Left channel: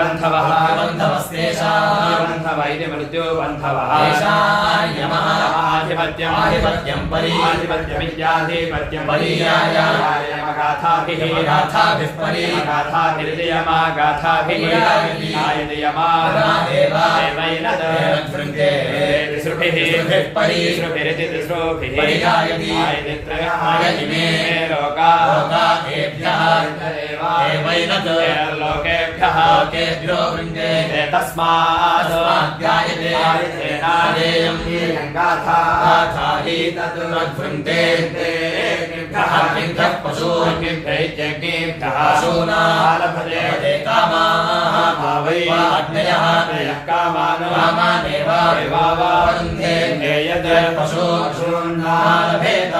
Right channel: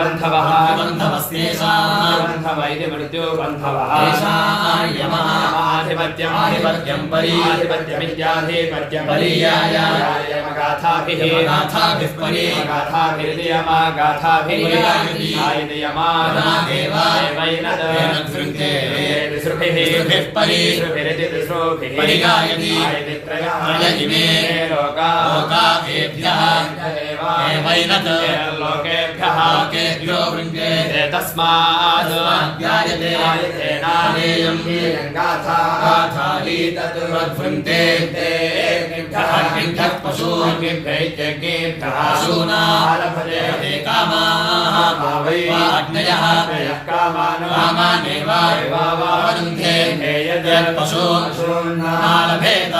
बन्धवः बन्धवस्तेषाम् बन्धवैति मृत्यो बन्धवः यमः आधिपत्यम् परीयाधिपत्यमित्याधिपत्यम् परीयायायमगाथाभिः गाथाभिर्यमागाथाभिः तिसृभिः परीसृभिरिति तिसृभिः लोका एभ्यः लोकेभ्यः तस्मात् पशूनालभते कामाः अग्नयः कामानेव पशूनालभेत